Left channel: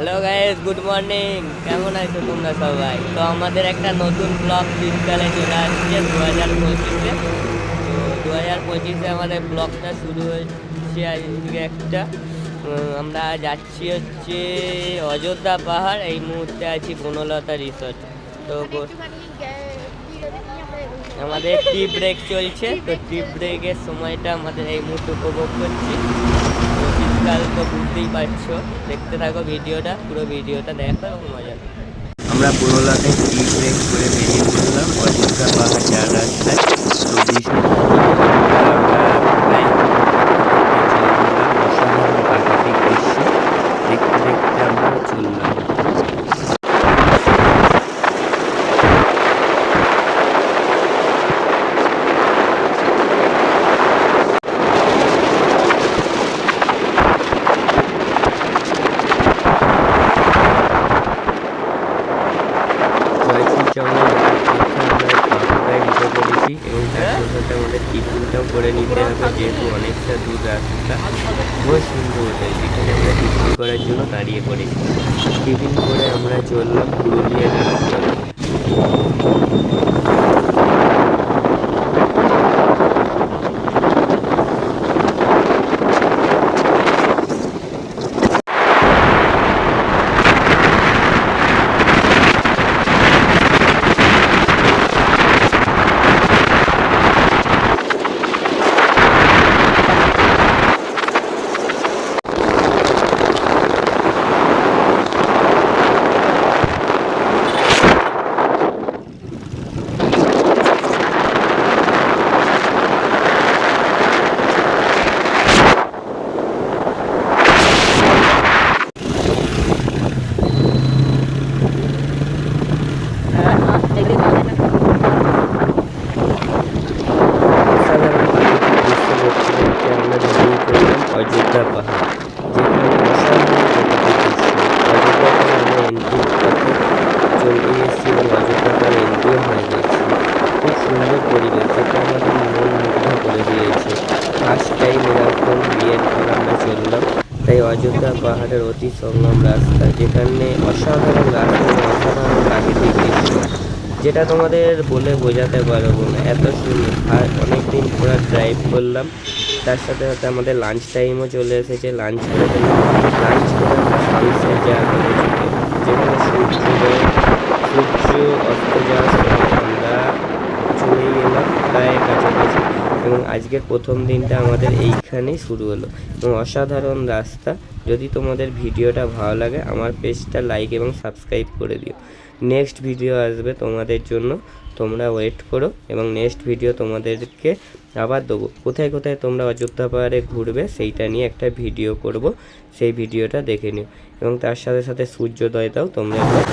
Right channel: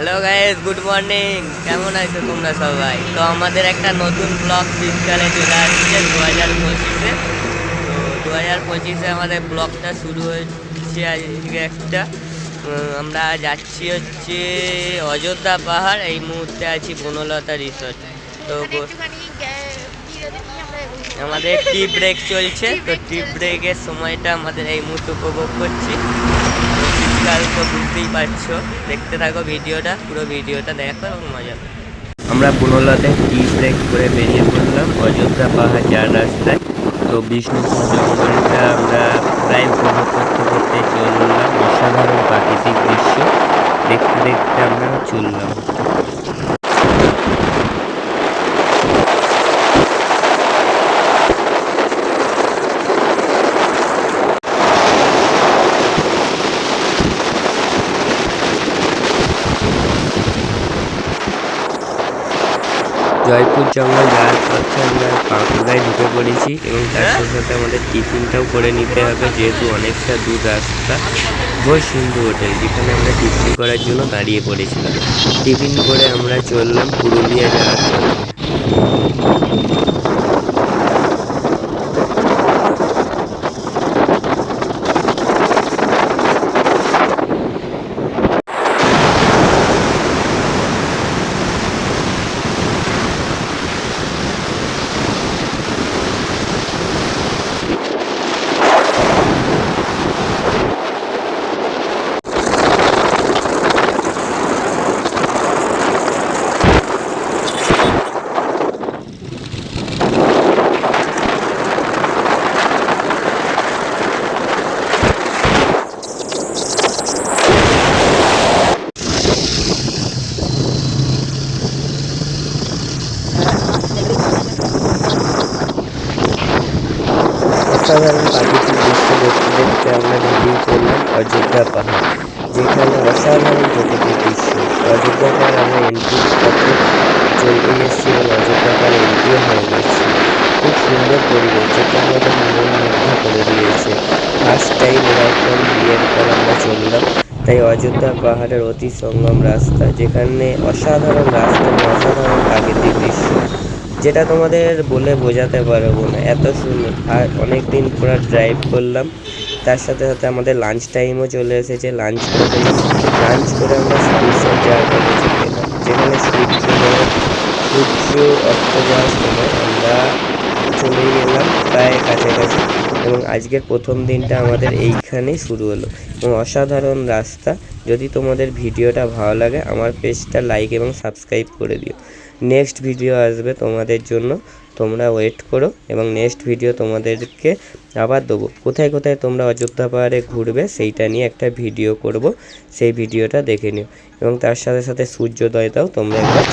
Hello guys, good morning. কেমন আছো তোমরা সবাই? তো আমাদের একটা নতুন ব্লগ শীতকালে চলে আসছে 2025-এ। তো 2025-এ আমাদের ব্লগটা শুরু হচ্ছে আজকে একটা। আমরা যাচ্ছি হচ্ছে অযোধ্যা পাহাড়। এই মুহূর্তে আছি বনলতা রিসর্ট। তো আমাদের টি ব্রেক চলছে, তো টি ব্রেকের সময়টা আমাদের এই মুহূর্তে উপভোগ করছি। তো শীতকাল তো বুঝতেই পারছো, দেখতে থাকো ভিডিওটা, পুরো ভিডিওটা দেখো এবং মজা। আমরা বনলতায় টি ব্রেক করে বেরিয়ে পড়লাম অযোধ্যা পাহাড় যাওয়ার রাস্তায়। তো বিষ্ণু আমরা প্রায় উপভোগ করতে করতে চলে বললাম। অসাধারণ প্রাকৃতিক দৃশ্য দেখতে দেখতে আমরা চললাম। জয়পুর জঙ্গল যাওয়ার পথে আমরা বাঁকুড়ায় ঢুকে পড়েছি এবং তার সাথে সাথে আমাদের টিফিনটাও করে নিতে হবে, যেহেতু অনেকটা দূর রাস্তা। ঘোষ সিন্ধু হোটেল, যেখানে আমরা টিফিন করার জন্য দাঁড়িয়ে পড়েছিলাম। টিফিন করে আমরা চললাম পুরুলিয়া যাওয়ার পথে। অসাধারণ প্রাকৃতিক দৃশ্য দেখতে দেখতে আমরা বেরিয়ে পড়লাম অযোধ্যা পাহাড়, যেখানে অসাধারণ প্রাকৃতিক দৃশ্য। অযোধ্যা পাহাড় আমরা এন্ট্রি পথে চলে এসেছি এবং অযোধ্যা পাহাড় এন্ট্রিও হয়ে গেছি। খুব সুন্দর পরিবেশ, যেটা আমাদের মন মুগ্ধ করে দিয়েছে। ফার্স্ট টাইম এরকম বিয়ের পর আমরা চললাম, তাই অযোধ্যা পাহাড়ের অতি সঙ্গম রাস্তা, যেখানে অসাধারণ রাস্তা এবং অসাধারণ প্রাকৃতিক দৃশ্য, যেটা তোমাদের বলে বোঝাতে পারবো না, এত সুন্দর। আর অনেক দিন পুরো ড্রাইভ করলাম, তার সাথে সাথে আমাদের লাঞ্চ টাইমও চলে এসেছে। লাঞ্চ করে ফেললাম। লাঞ্চ করে আমরা সানসেট জায়গাটা বেছে পেলাম, যেখানে সূর্য অস্ত যাওয়ার সময় আমরা চলেই এলাম প্রায় কাছাকাছি। এবং আজকের প্রথম দিনটা আমাদের এইখানেই শুরু হলো এবং অসাধারণ রাস্তা। যদি তোমাদের ভিডিওটা ভালো লাগে, আমার পেজটা লাইক এবং সাবস্ক্রাইব করে দিও। নেক্সট ভিডিও আসবে তোমাদের জন্য, তোমরা ওয়েট করো এবং নেক্সট ভিডিও তোমাদেরকে আবার দেবো। কোথায় কোথায় তোমরা অযোধ্যা পাহাড়ে ঘুরবে সেইটা নিয়ে একটা ভিডিও করব, সেই ভিডিওটা দেখে নিও এবং তার সাথে সাথে সূর্যোদয়টাও তোমরা একবার